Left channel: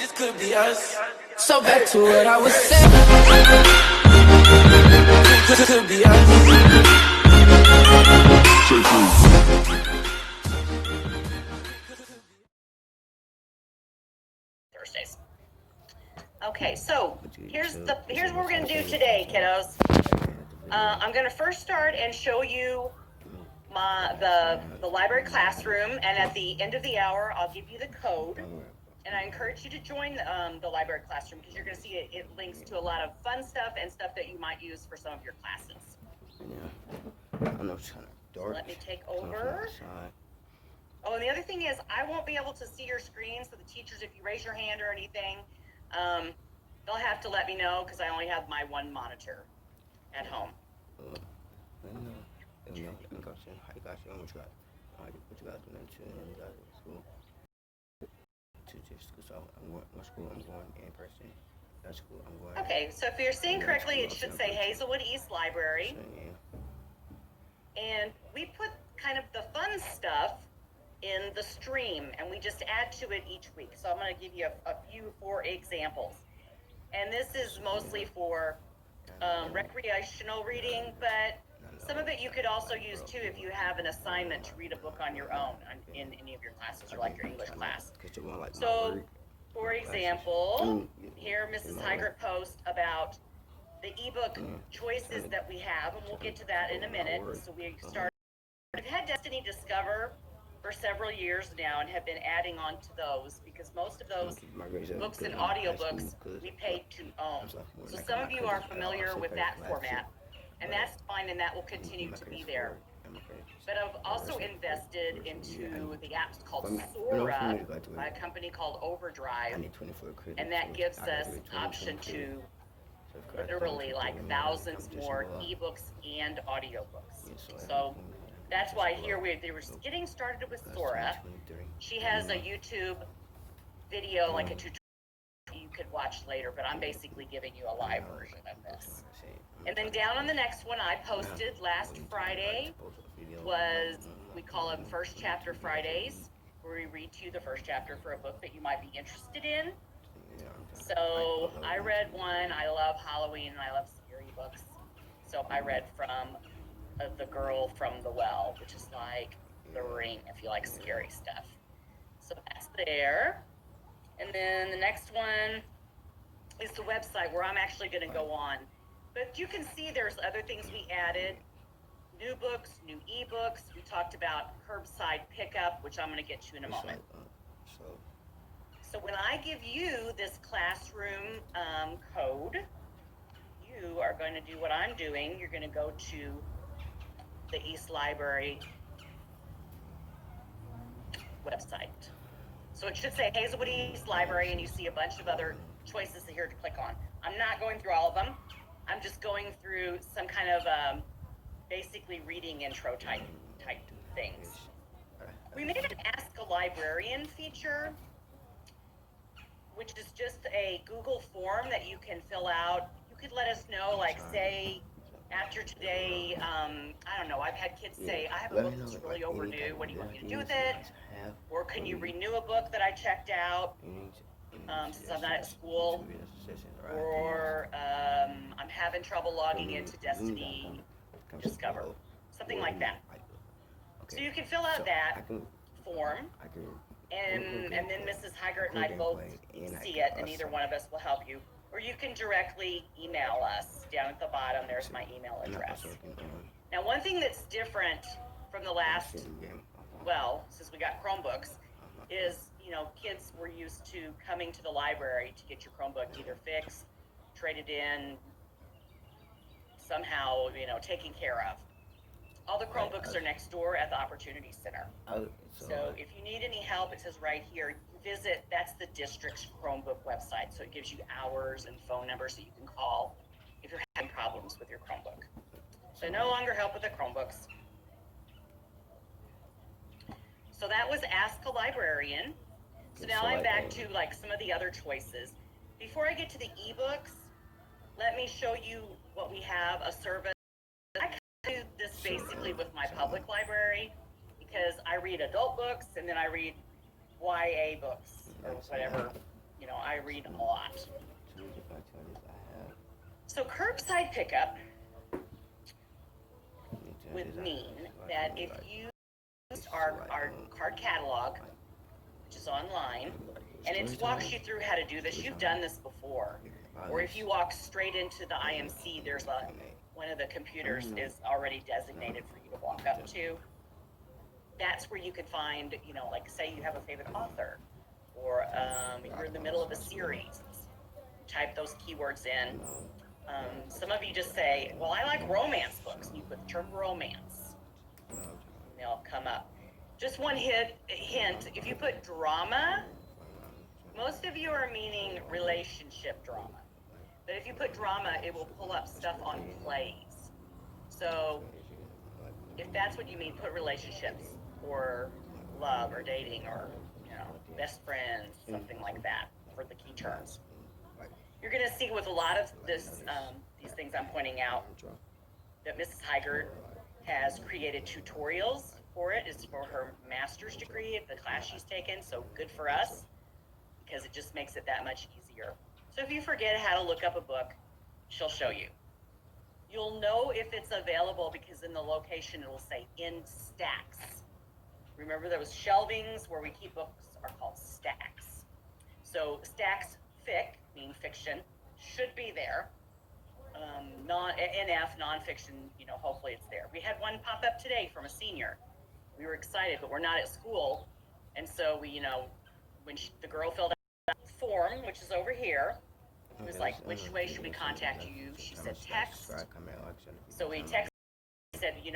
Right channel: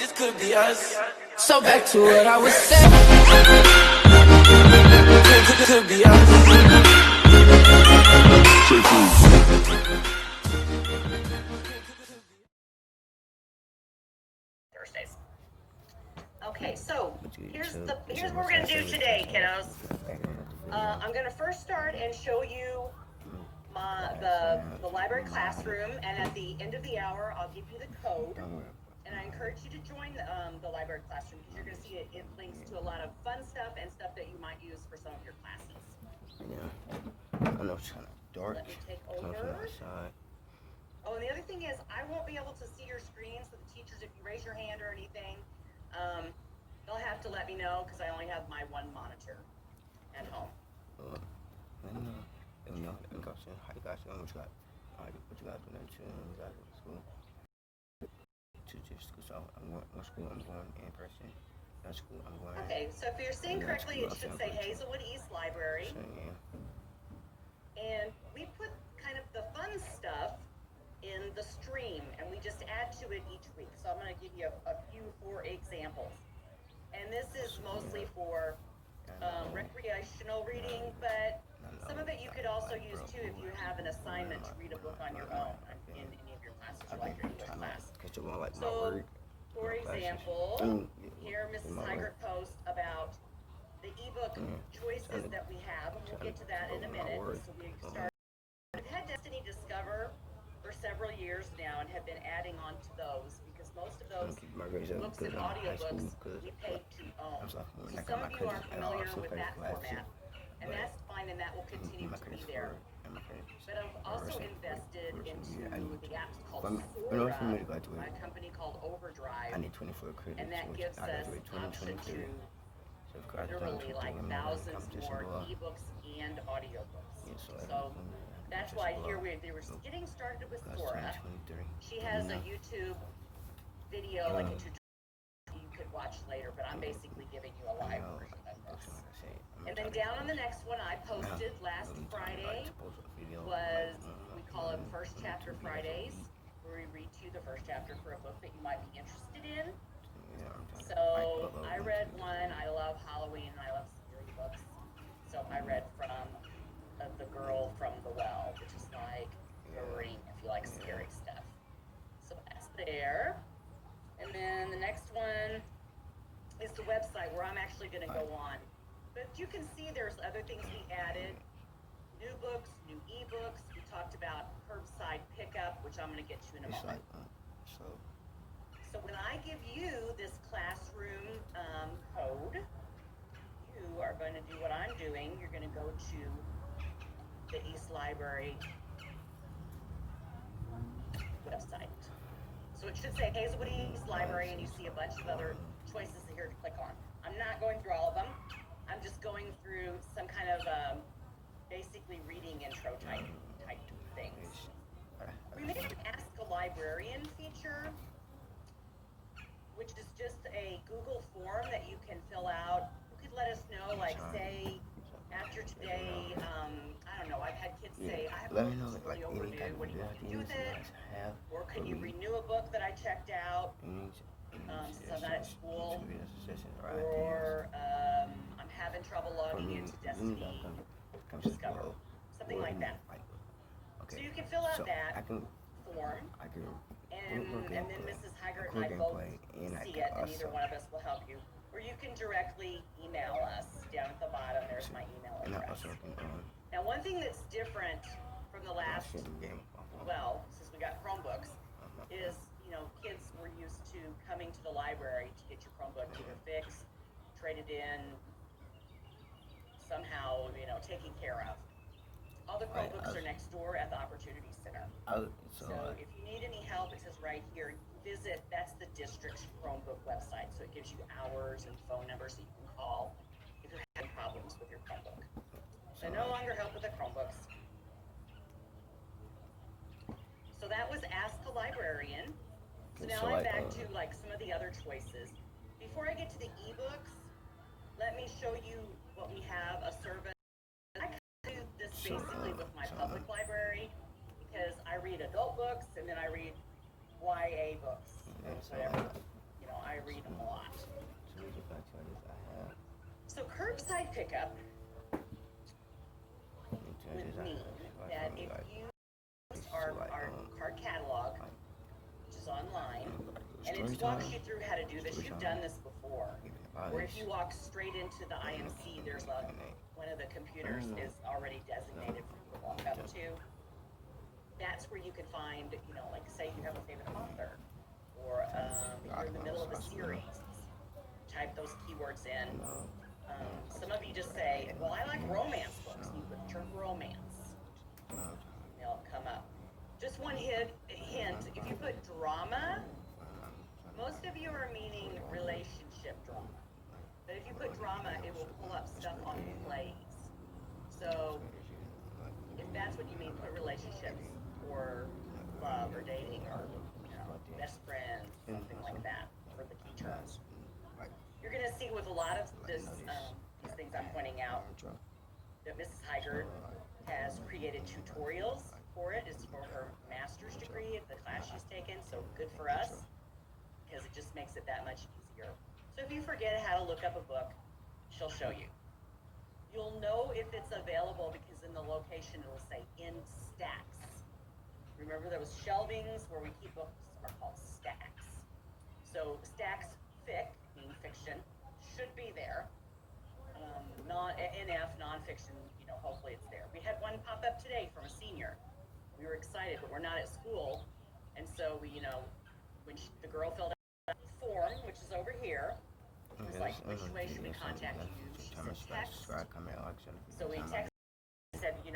This could be us. So back to what I was saying. Could be us. Thursdays. Okay, so here's what we're gonna do today, kiddos. I'm gonna first start and show you the library classroom, and at the end of the hour, I'll give you the code. And I encourage you to join the library classroom because you're gonna see it links to a lot of fun stuff and stuff that you might use for some of your classes. Yeah, I know it's kind of dark. Let me take over. Oh, and the other thing is, I won't be able to see your screen, so the teachers, if you raise your hand or anything, they'll have to let me know because I only have my one monitor at home. Let me know. How you got you? What you got doing to you guys in school? To just school. So I'm going in person. That's school. I'm going. Okay, so if you're seeing correctly, it should say Hazelwood East Library. And we put kind of the fun stuff in the stream, and we just add to it each week. So I'm going to give you a few for examples. And this is mostly for recreational reading, but some of it you could also use too if you have an assignment to read a book on your own in any of your classes, or like your English class. So, for example, here Mrs. Hygert posts about the ebook choices that we have, and we'll get to that in a minute. So we've had Destiny Discover for several years now and have been adding on to those because most of those books and audiobooks we paid to own. So some of you are familiar with that format, and that's fine, and that will continue to be there. But I've also invested into the apps called Sora by a company called Overdrive, and that gives us option to literally like thousands more ebooks and audiobooks. So that's why here they were getting started with Sora. She has a YouTube video, like a tutorial you could watch later, but I'm basically giving you a live version of this. And then down on the next one I posted last Friday was, we call them First Chapter Fridays, where we read to you the first chapter for a book that you might be interested in. So I read one. I love Halloween and I love scary books. So I read from The Girl from the Well, which is like The Ring if you like scary stuff. So that's there. And then the next one is the website where I'm actually going to go on. But you can see there's other things we added. New books, new ebooks. We talked about curbside pickup, which I'm going to get to in a moment. So when I give you this classroom code, you are going to do what I'm doing. You're going to go to the East Library website. So it should say Hazelwood East Library, and you see a bunch of other choices here to click on. I'm not going through all of them. I'm just going through some kind of basically reading intro type things. We made an Ask a Librarian feature, which is just a Google form that you can fill out. You could let us know, like, say, after today, I don't know, I've had kids say, I have a book that's really overdue, what do you want me to do with it? Or can you renew a book that I checked out since I'm not at school? Or I'm having trouble logging into Destiny Discover, something like that. So you can fill out that form, and then Mrs. Hygert and I both see it, and either one of us will help you. Or you can directly email us. Down at the bottom, there's my email address. Now, one thing that's different from the last, well, since we got Chromebooks, is, you know, kids were used to coming to the library to get your Chromebook either fixed, traded in, somehow, you know, taken care of. All the Chromebooks are next door at the Opportunity Center. So if you need any help, it says right here, visit, that's the district's Chromebook website. So it gives you hours and phone numbers that you can call if you're having problems with your Chromebook. So no longer help with the Chromebooks. So that was Ask a Librarian. So now I'm back to like some of the other choices. Before I get to the ebooks, let me show you what we have, a service. I do this basically with my public library because I read adult books and then I read YA books or whatever, you know, I read a lot. So we just gonna tell this I have. So curbside pickup We tell would this I mean have. that if you use our card catalog, which is online, and it walks you through how to do this. You've done this before. Or if you walk straight into the IMC, there's one of the computers is already designated for you to walk up to. That's where you can find, you know, like say you have a favorite author, or you're in the middle of a series. Type those keywords in. Some of you just say, well, I like romance books. And you put the term romance. They'll come up. Just one hint, if you put drama, most of you are meaning relationship drama. But if you put drama, it will pull up stuff on plays. So if that's what you mean, put relationships or love or dating or, you know, best friends, something like that for the key terms. You're going to see with a lot of these things I'm pointing out that Mrs. Heigert has created tutorials for it. It's for her master's degree of the class she's taken, so good for us because it just makes it that much easier. So if you forget how to look up a book, she'll show you. You'll know if it's available because in the location it will say in stacks. Remember those shelvings where we keep books are called stacks. So stacks fic, meaning fiction, should be there. NF, nonfiction, you know, hopefully it's there. We had one pop up today from a senior. We were excited, but we're not at school. And so we, you know, when the girl filled out the form, which is over here, it was like, which way should we contact you? She said text. So we texted, said, you know,